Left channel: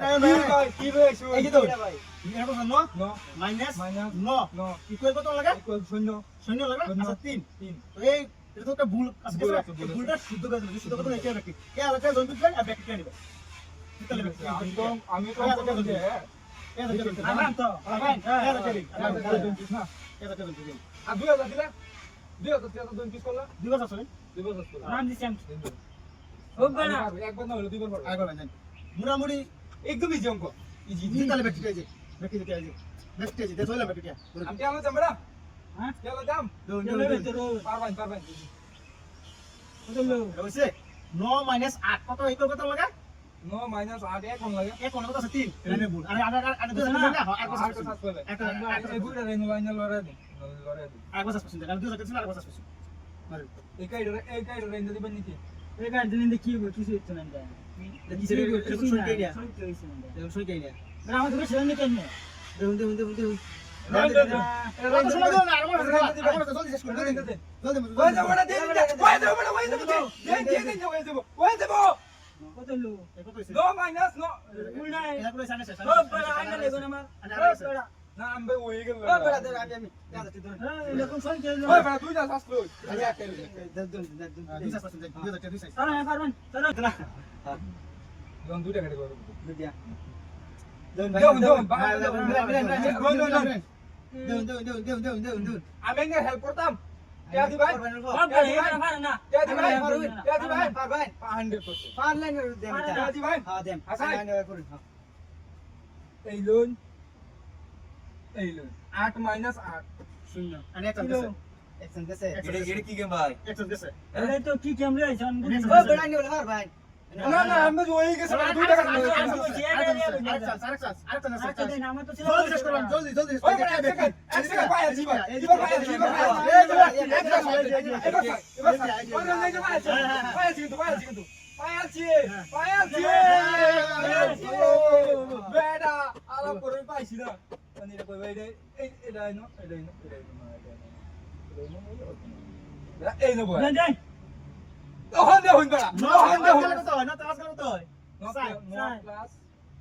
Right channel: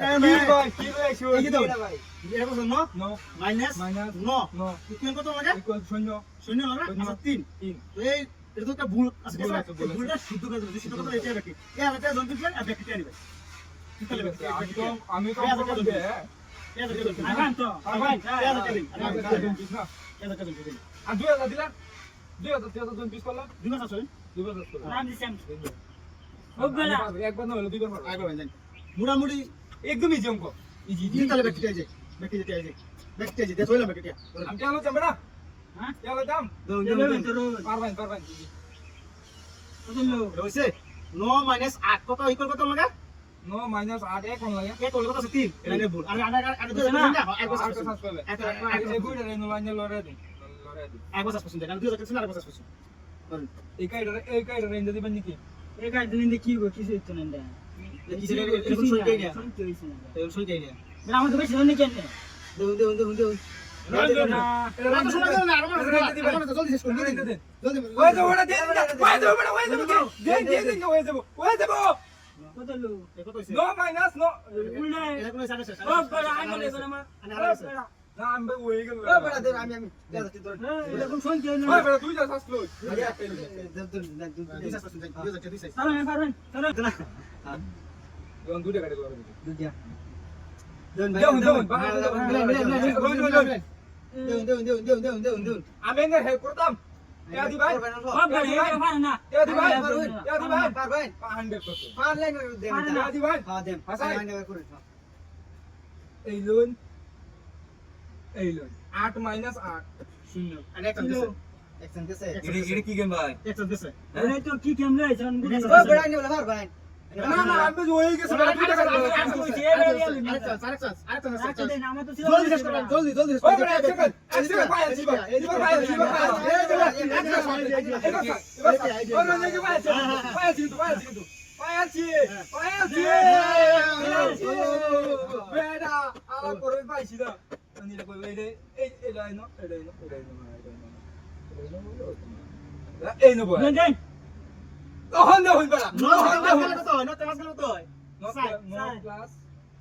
কি ভাই এই যে দাও ভাই এটা কত 9 মাইনাস 9 ইকুয়াল কত লাগে ইকুয়াল 0 শূন্য লাগে আচ্ছা 3 তো এই এটা তো একটা ভুল আছে ভুলটা শুদ্ধ করে দিলে শুদ্ধ কথা এটা নাকি এই আলাদা জন দিবেন আর ব্যাকেটে নিবেন আমি তো বলবো আগান তো আগান এটা চলি আর 2000 দিলা 2000 জন পিস করলা 2000 চলেন 2000 করলা নাম দিছি আমি খুব বড় একবার না হলো দুইবার পারবো আগে যান মুড়ামুড়ি একদম ইজি অঙ্ক ইজি তাহলে ব্যাকেটে যে ব্যাকেটে যে ব্যাকেটে যে দেখো ব্যাকেটে আমি আলো যাম না হ্যাঁ আলো যাম পারবেন কত হইছে 9 মাইনাস 8 কত ইকুয়াল কত লাগে 9 মাইনাস 8 এক কোন লাগে এক কত আছে 3 এটা ভুল আর আগে তো না হ্যাঁ এক বছর সার্চ করবে এই কইরা নেই লাইন লরে দিন এক বছর পছন্দ আর 2000 আর বছর পছন্দ এই কাইডা রেঞ্জ দিবেন নাকি এই কাজ দিন কি কিছু হচ্ছে না কি ছিল এরকম সই কই না শান্তি হইছে না এরকম সই কই না বড় আমাদের বেশি হল নাকি এনে দেউন জলদি শেষ করে জলদি ওই যাও বড় দেন ওই যাও কত লো কত হইছে 9 মাইনাস 9 উল্টা এটা করে সাথে শেষ ও বড় আইলে করে মা বড় না আমি ওই গেল বড় দেন আমি যাচ্ছি তোর এটা কোন সংখ্যা হলো ওই বড় তুই যা শাস্ত্র সারা পারবেন সারা জন দুইটা কাটে করব আমি এনে হেল্প করতাম ইয়াদি ভাই ও বড় এটা পারে না ইয়াদি ভাই পারবেন 100 করতে পারলেন দেন ইয়াদি ভাই হ্যাঁ দেন হাসান করুন এই লোন 8 মাইনাস 8 শূন্য আর এক দিছে একজন দিছে এটা কি গেম ভাই একজন দিছে এটা তো কি কেম রে জান ও বড় আইনি বলে পারবেন না না আমি ওই গেছে দুইটা কাটে আচ্ছা দেন আমার তো ছিল জলদি শেষ করেন জলদি ওই বড় এক সেকেন্ড পায় আছি ভাই এই ভাই বেটা আলাপ করে পাইছি না নিরে কই ভাই এই এটাই না এই নবো দেন দেন তখন না হইবা না নো তো নো তো মাস গেল তো নো প্লাস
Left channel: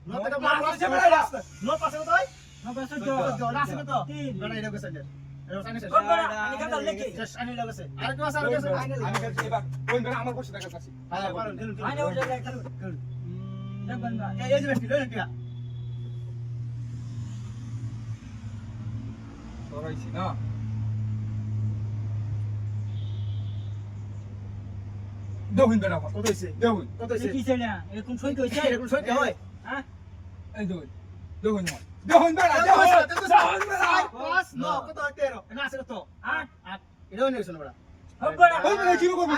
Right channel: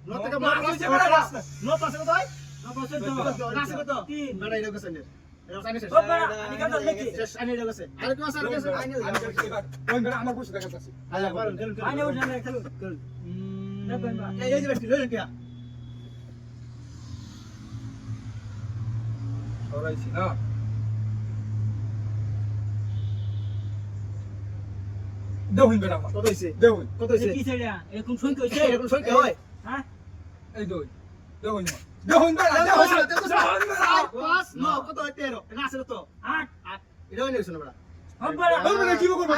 নো তো প্লাস নো প্লাস কত হয় না পাশে তো তো রাসে কত তিন বড় এটা কত সেন্টার এটা সাইনে শেষ ও বড় আমি কাজ দেখি শেষ আইনে এটা কত আর কি আছে আমি কাছে এবার ওই বেটা আমার বসে দেখা পাচ্ছি হ্যাঁ পারুন আনে ওঠে না খেলু দেখবেন বা এই যে বেশি লইলেন কি করাইছি না দেখুন বেটা কত হইছে দেখুন কত হইছে কি ছেলে এরকম সই কইছে এরকম সই হয় হ্যাঁ এই দেখুন বেটা পাঁচ নো কত 13 না আছে কত 8 এটা হইছে শোনো বড় ও বড় আমরা কি করব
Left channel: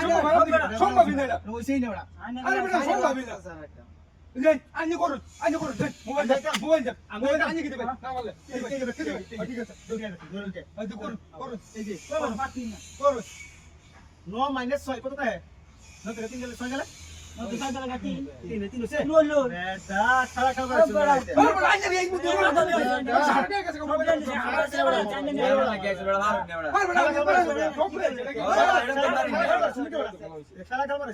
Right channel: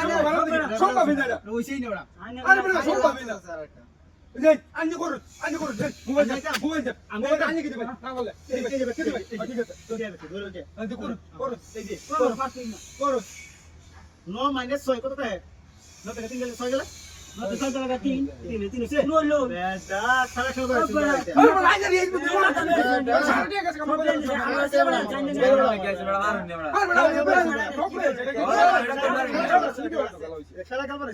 সম্ভব না এটা ওইছেই না বড় আনে আরে বেটা সম্ভব না এই আনি করুন মোবাইল যা আমি আনি কি দিবেন না বলে ঠিক আছে জলদি আসবে ধরুন যে এই করুন এই যে ও পাঁচ তিন করুন 9 মাইনাস 6 কত হয় 9 থেকে 3 গেলে 6 গেলে না তো সাইকেল লাগা তিন 3 হইছে নো লো বেটা সারা খেলা করে বড় আরে বড় আইনা এই বুদ্ধি সারা ঠিক আছে মোবাইল খেলা খেলা করে